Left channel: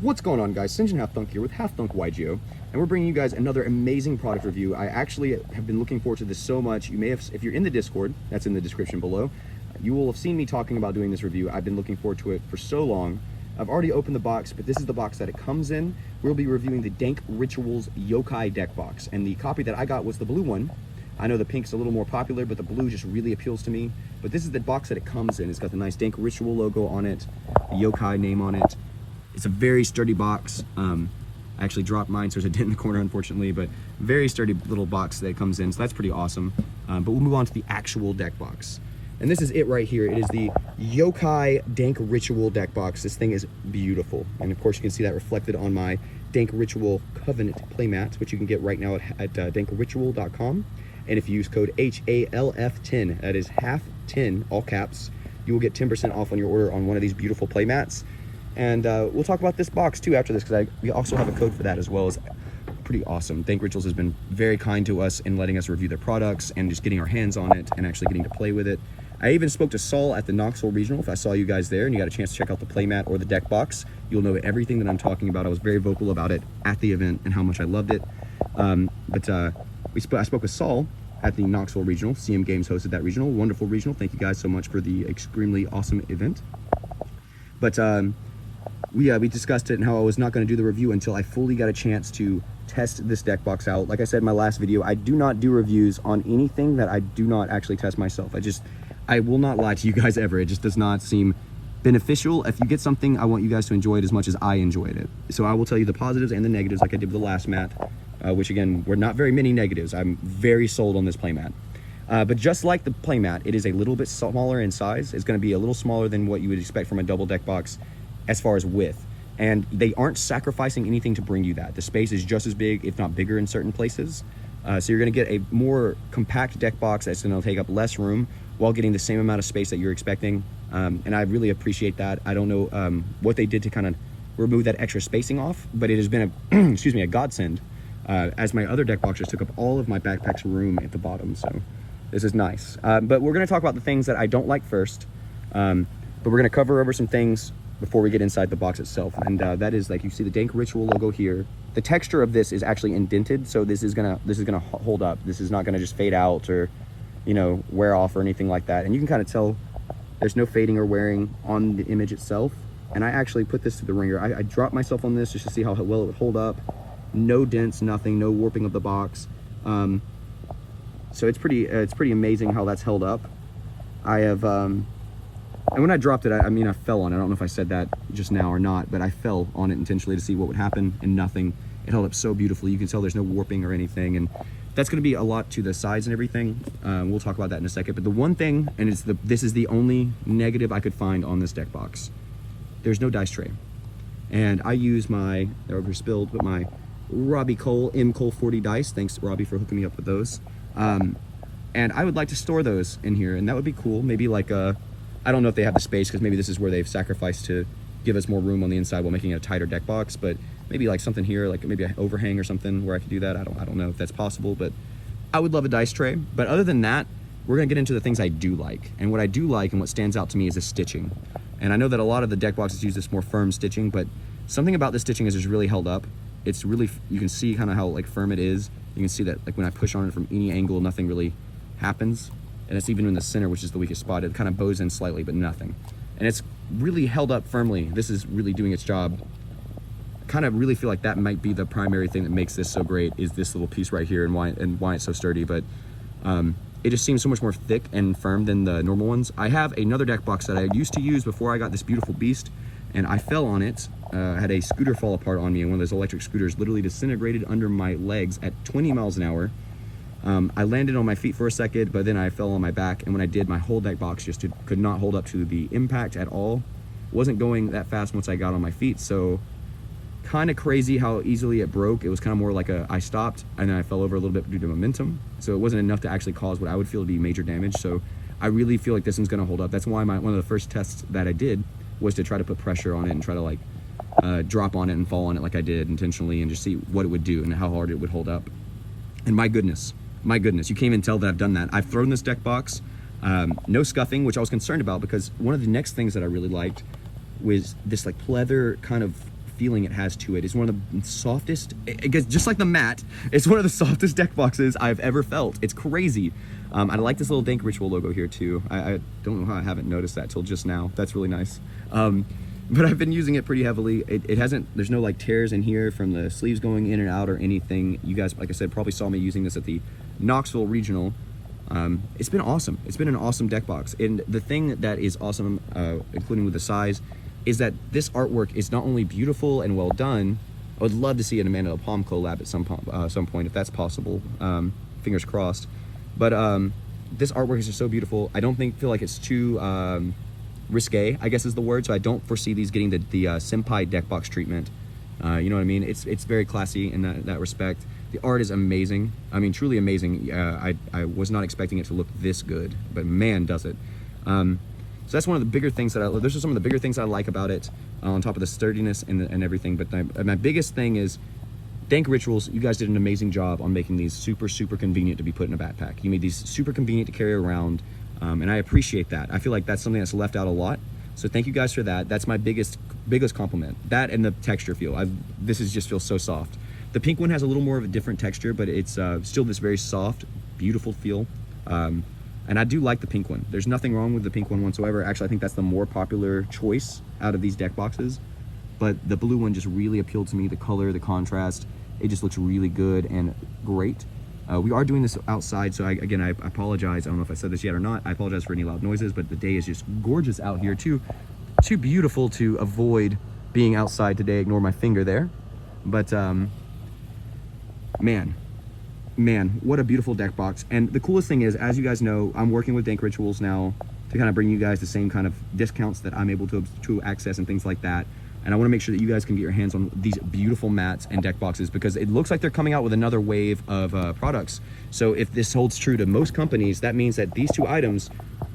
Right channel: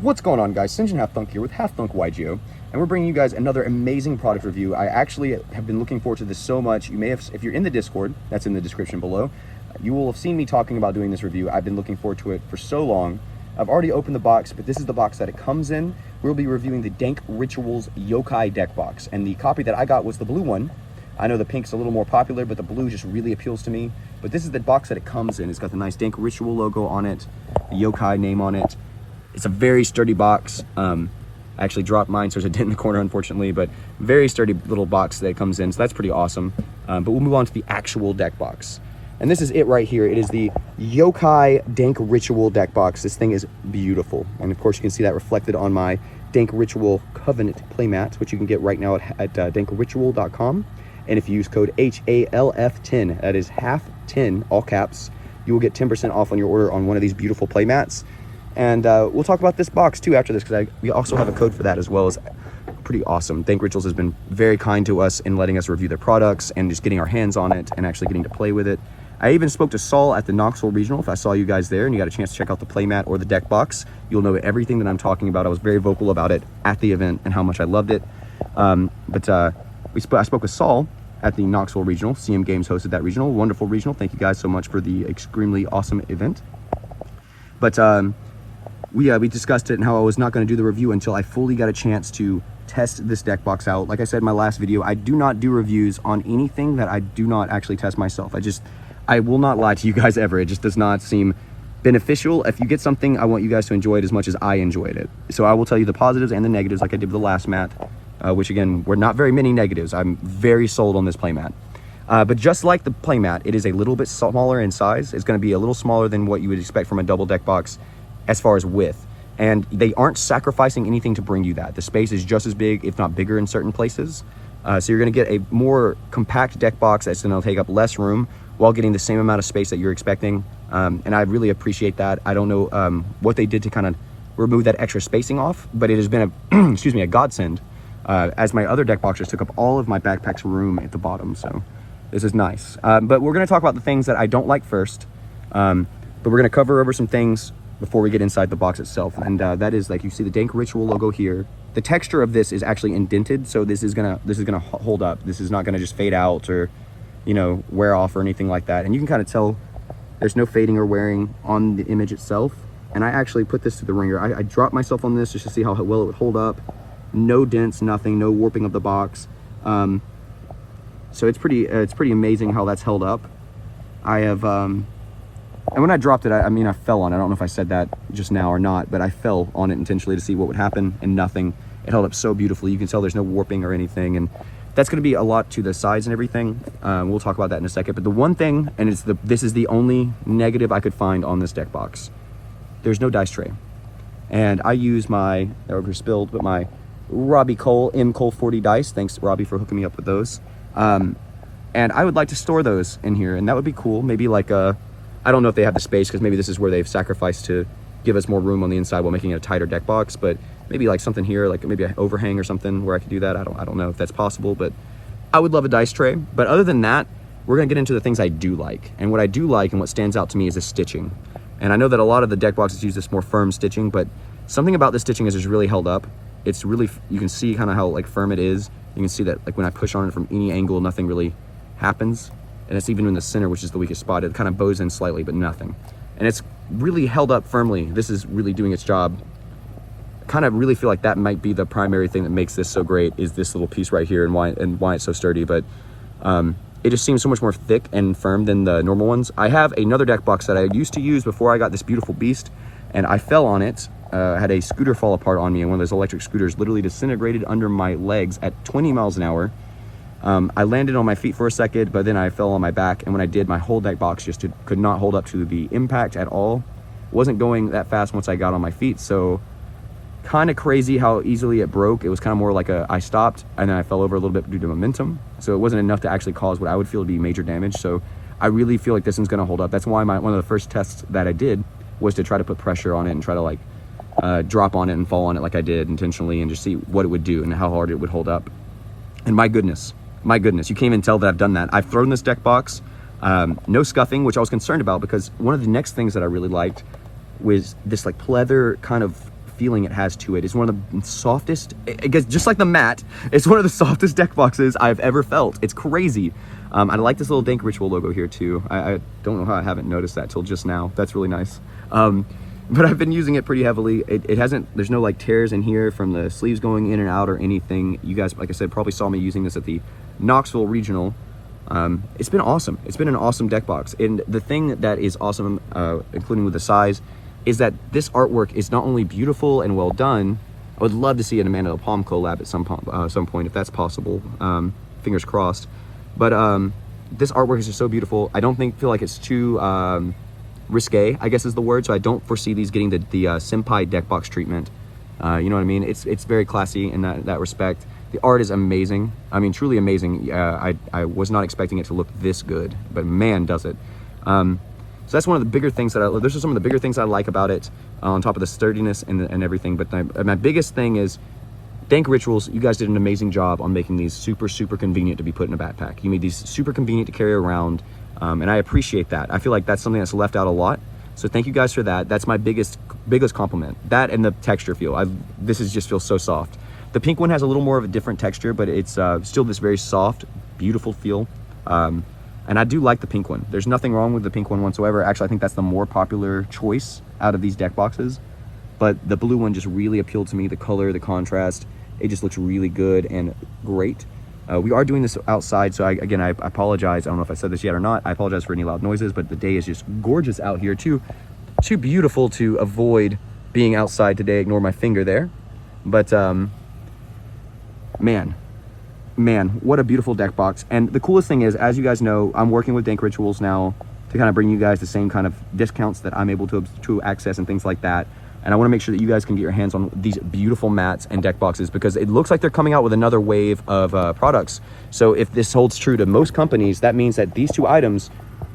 What's going on, guys? Sinjin Half Thunk here with Half Thunk YGO, and we're bringing you guys another amazing product review. I actually have been looking forward to this so much. You may have, if you're in the Discord, that's in the description below, you will have seen me talking about doing this review. I've been looking forward to it for so long. I've already opened the box, but this is the box that it comes in. We'll be reviewing the Dank Rituals Yokai deck box, and the copy that I got was the blue one. I know the pink's a little more popular, but the blue just really appeals to me. But this is the box that it comes in. It's got the nice Dank Ritual logo on it, the Yokai name on it. It's a very sturdy box. I actually dropped mine, so there's a dent in the corner, unfortunately, but very sturdy little box that it comes in, so that's pretty awesome. But we'll move on to the actual deck box. And this is it right here. It is the Yokai Dank Ritual deck box. This thing is beautiful. And of course, you can see that reflected on my Dank Ritual Covenant playmat, which you can get right now at dankritual.com. And if you use code HALF10, that is half 10, all caps, you will get 10% off on your order on one of these beautiful playmats. And we'll talk about this box too after this, because we also have a code for that as well. As pretty awesome. Dank Rituals has been very kind to us in letting us review their products and just getting our hands on it and actually getting to play with it. I even spoke to Saul at the Knoxville Regional. If I saw you guys there and you got a chance to check out the playmat or the deck box, you'll know everything that I'm talking about. I was very vocal about it at the event and how much I loved it. I spoke with Saul at the Knoxville Regional. CM Games hosted that regional. Wonderful regional. Thank you guys so much for the extremely awesome event. But we discussed it and how I was not going to do the review until I fully got a chance to test this deck box out. Like I said in my last video, I do not do reviews on anything that I do not actually test myself. I will not lie to you guys ever. It just does not seem beneficial. If you get something, I want you guys to enjoy it as much as I enjoyed it. So I will tell you the positives and the negatives like I did with the last mat, which again, were not very many negatives. I'm very sold on this playmat. But just like the playmat, it is a little bit smaller in size. It's going to be a little smaller than what you would expect from a double deck box as far as width. And they aren't sacrificing anything to bring you that. The space is just as big, if not bigger in certain places. So you're going to get a more compact deck box that's going to take up less room while getting the same amount of space that you're expecting. And I really appreciate that. I don't know what they did to kind of remove that extra spacing off, but it has been a, excuse me, a godsend, as my other deck boxes took up all of my backpack's room at the bottom. So this is nice. But we're going to talk about the things that I don't like first. But we're going to cover over some things before we get inside the box itself. And that is, like, you see the Dank Ritual logo here. The texture of this is actually indented, so this is gonna hold up. This is not gonna just fade out or, you know, wear off or anything like that. And you can kind of tell there's no fading or wearing on the image itself. And I actually put this to the ringer. I dropped myself on this just to see how well it would hold up. No dents, nothing, no warping of the box. So it's pretty amazing how that's held up. I have, and when I dropped it, I mean, I fell on it. I don't know if I said that just now or not, but I fell on it intentionally to see what would happen, and nothing. It held up so beautifully. You can tell there's no warping or anything, and that's going to be a lot to the sides and everything. We'll talk about that in a second. But the one thing, and this is the only negative I could find on this deck box, there's no dice tray. And I use my, that were spilled, but my Robbie Cole M. Cole 40 dice. Thanks, Robbie, for hooking me up with those. And I would like to store those in here, and that would be cool. Maybe like a, I don't know if they have the space, because maybe this is where they've sacrificed to give us more room on the inside while making it a tighter deck box, but maybe like something here, like maybe an overhang or something where I could do that. I don't know if that's possible, but I would love a dice tray. But other than that, we're gonna get into the things I do like. And what I do like and what stands out to me is the stitching. And I know that a lot of the deck boxes use this more firm stitching, but something about this stitching is just really held up. It's really, you can see kind of how like firm it is. You can see that like when I push on it from any angle, nothing really happens. And it's even in the center, which is the weakest spot. It kind of bows in slightly, but nothing. And it's really held up firmly. This is really doing its job. I kind of really feel like that might be the primary thing that makes this so great, is this little piece right here and why it's so sturdy. But it just seems so much more thick and firm than the normal ones. I have another deck box that I used to use before I got this beautiful beast, and I fell on it. I had a scooter fall apart on me, and one of those electric scooters literally disintegrated under my legs at 20 miles an hour. I landed on my feet for a second, but then I fell on my back, and when I did, my whole deck box just could not hold up to the impact at all. Wasn't going that fast once I got on my feet, so kind of crazy how easily it broke. It was kind of more like I stopped, and then I fell over a little bit due to momentum, so it wasn't enough to actually cause what I would feel to be major damage. So I really feel like this one's going to hold up. That's why one of the first tests that I did was to try to put pressure on it and try to like drop on it and fall on it like I did intentionally, and just see what it would do and how hard it would hold up. And my goodness, you can't even tell that I've done that. I've thrown this deck box, no scuffing, which I was concerned about, because one of the next things that I really liked was this like pleather kind of feeling it has to it. It's one of the softest, I guess, just like the mat, it's one of the softest deck boxes I've ever felt. It's crazy. I like this little Dank Ritual logo here too. I don't know how I haven't noticed that till just now. That's really nice. But I've been using it pretty heavily. It hasn't, there's no like tears in here from the sleeves going in and out or anything. You guys, like I said, probably saw me using this at the Knoxville Regional. It's been awesome. It's been an awesome deck box. And the thing that is awesome, including with the size, is that this artwork is not only beautiful and well done. I would love to see an Amanda the Palm collab at some point if that's possible. Fingers crossed. But this artwork is just so beautiful. I don't feel like it's too risque, I guess is the word. So I don't foresee these getting the Senpai deck box treatment. You know what I mean? It's very classy in that respect. The art is amazing. I mean, truly amazing. I was not expecting it to look this good, but man, does it. So that's one of the bigger things that those are some of the bigger things I like about it, on top of the sturdiness and everything. But my biggest thing is Dank Rituals. You guys did an amazing job on making these super convenient to be put in a backpack. You made these super convenient to carry around, and I appreciate that. I feel like that's something that's left out a lot. So thank you guys for that. That's my biggest compliment. That and the texture feel. This just feels so soft. The pink one has a little more of a different texture, but it's still this very soft, beautiful feel. And I do like the pink one. There's nothing wrong with the pink one whatsoever. Actually, I think that's the more popular choice out of these deck boxes. But the blue one just really appealed to me. The color, the contrast, it just looks really good and great. We are doing this outside, so again, I apologize. I don't know if I said this yet or not. I apologize for any loud noises, but the day is just gorgeous out here. Too beautiful to avoid being outside today. Ignore my finger there. But man, what a beautiful deck box. And the coolest thing is, as you guys know, I'm working with Dank Rituals now to kind of bring you guys the same kind of discounts that I'm able to access and things like that. And I want to make sure that you guys can get your hands on these beautiful mats and deck boxes, because it looks like they're coming out with another wave of products. So if this holds true to most companies, that means that these two items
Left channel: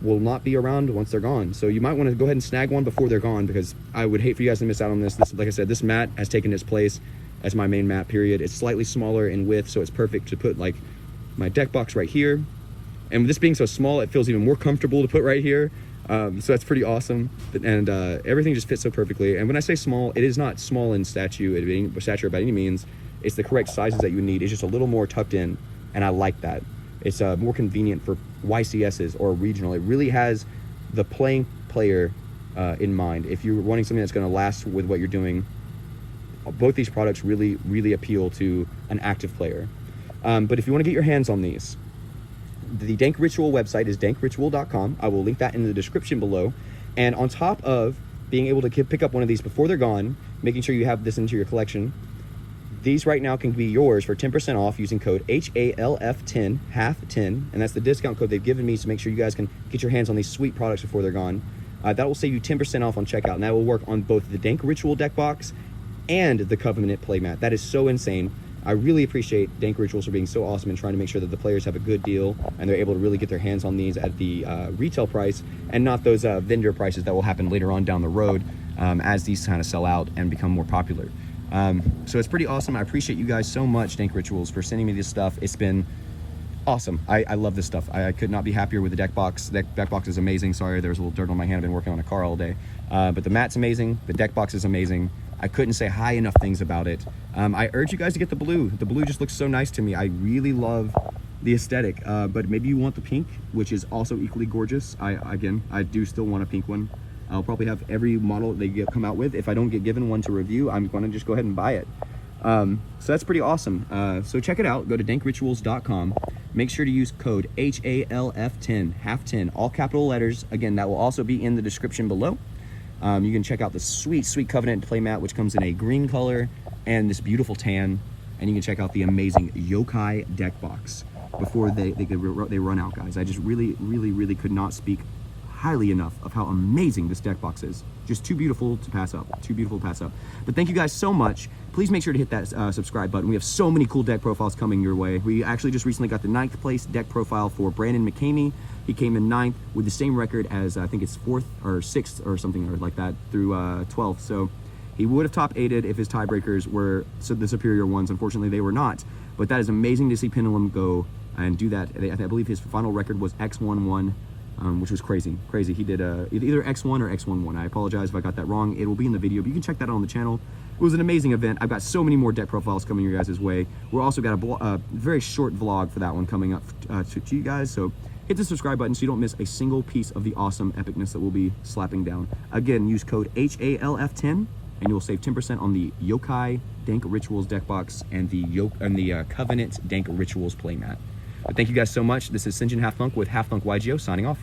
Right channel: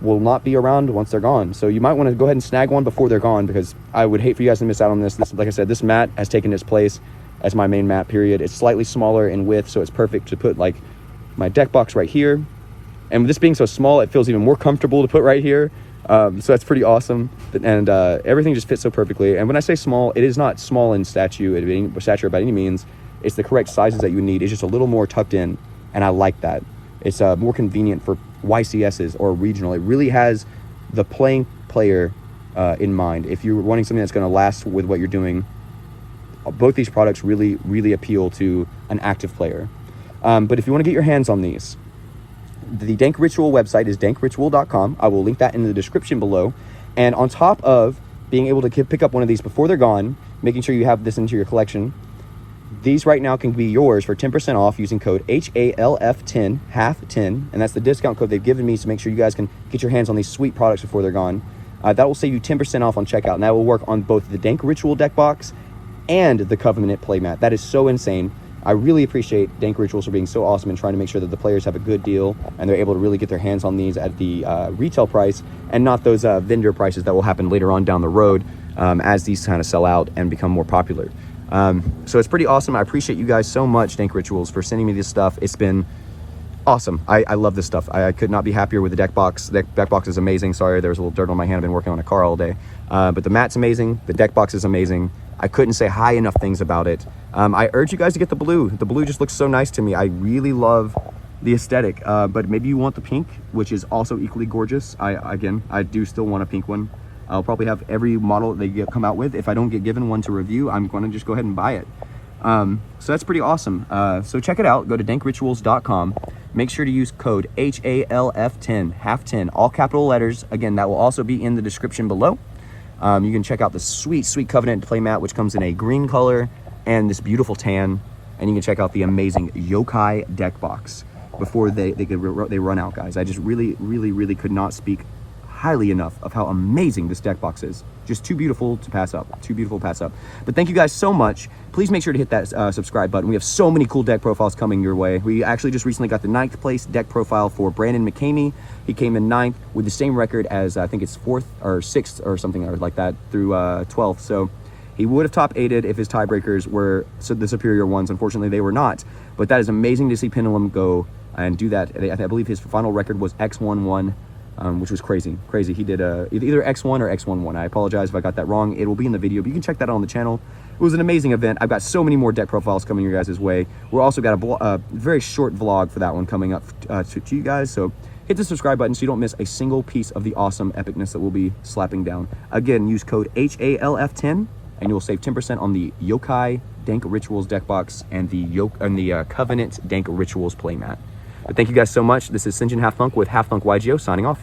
will not be around once they're gone. So you might want to go ahead and snag one before they're gone, because I would hate for you guys to miss out on this. Like I said, this mat has taken its place as my main mat, period. It's slightly smaller in width, so it's perfect to put like my deck box right here. And with this being so small, it feels even more comfortable to put right here. So that's pretty awesome. And everything just fits so perfectly. And when I say small, it is not small in stature by any means. It's the correct sizes that you need. It's just a little more tucked in, and I like that. It's more convenient for YCSs or regional. It really has the playing player in mind. If you're wanting something that's going to last with what you're doing, both these products really appeal to an active player. But if you want to get your hands on these, the Dank Ritual website is dankritual.com. I will link that in the description below. And on top of being able to pick up one of these before they're gone, making sure you have this into your collection, these right now can be yours for 10% off using code HALF10, half 10, and that's the discount code they've given me to make sure you guys can get your hands on these sweet products before they're gone. That will save you 10% off on checkout, and that will work on both the Dank Ritual deck box and the Covenant playmat. That is so insane. I really appreciate Dank Rituals for being so awesome and trying to make sure that the players have a good deal and they're able to really get their hands on these at the retail price and not those vendor prices that will happen later on down the road as these kind of sell out and become more popular. So it's pretty awesome. I appreciate you guys so much, Dank Rituals, for sending me this stuff. It's been awesome. I love this stuff. I could not be happier with the deck box. The deck box is amazing. Sorry, there was a little dirt on my hand. I've been working on a car all day. But the mat's amazing. The deck box is amazing. I couldn't say high enough things about it. I urge you guys to get the blue. The blue just looks so nice to me. I really love the aesthetic, but maybe you want the pink, which is also equally gorgeous. I do still want a pink one. I'll probably have every model that they come out with. If I don't get given one to review, I'm going to just go ahead and buy it. So that's pretty awesome. So check it out. Go to dankrituals.com. Make sure to use code HALF10, half 10, all capital letters. Again, that will also be in the description below. You can check out the sweet Covenant playmat, which comes in a green color and this beautiful tan. And you can check out the amazing Yokai deck box before they run out, guys. I just really could not speak highly enough of how amazing this deck box is. Just too beautiful to pass up. But thank you guys so much. Please make sure to hit that subscribe button. We have so many cool deck profiles coming your way. We actually just recently got the 9th place deck profile for Brandon McCamey. He came in 9th with the same record as I think it's 4th or 6th or something like that through 12th. So he would have top 8'd if his tiebreakers were the superior ones. Unfortunately, they were not. But that is amazing to see Pendulum go and do that. I believe his final record was X11. Which was crazy. He did either X1 or X11. I apologize if I got that wrong. It will be in the video, but you can check that out on the channel. it was an amazing event. I've got so many more deck profiles coming your guys' way. We're also got a very short vlog for that one coming up to you guys. So hit the subscribe button so you don't miss a single piece of the awesome epicness that we'll be slapping down. Again, use code HALF10 and you'll save 10% on the Yokai Dank Rituals deck box and the Covenant Dank Rituals playmat. But thank you guys so much. This is Sinjin Half Thunk with Half Thunk YGO signing off.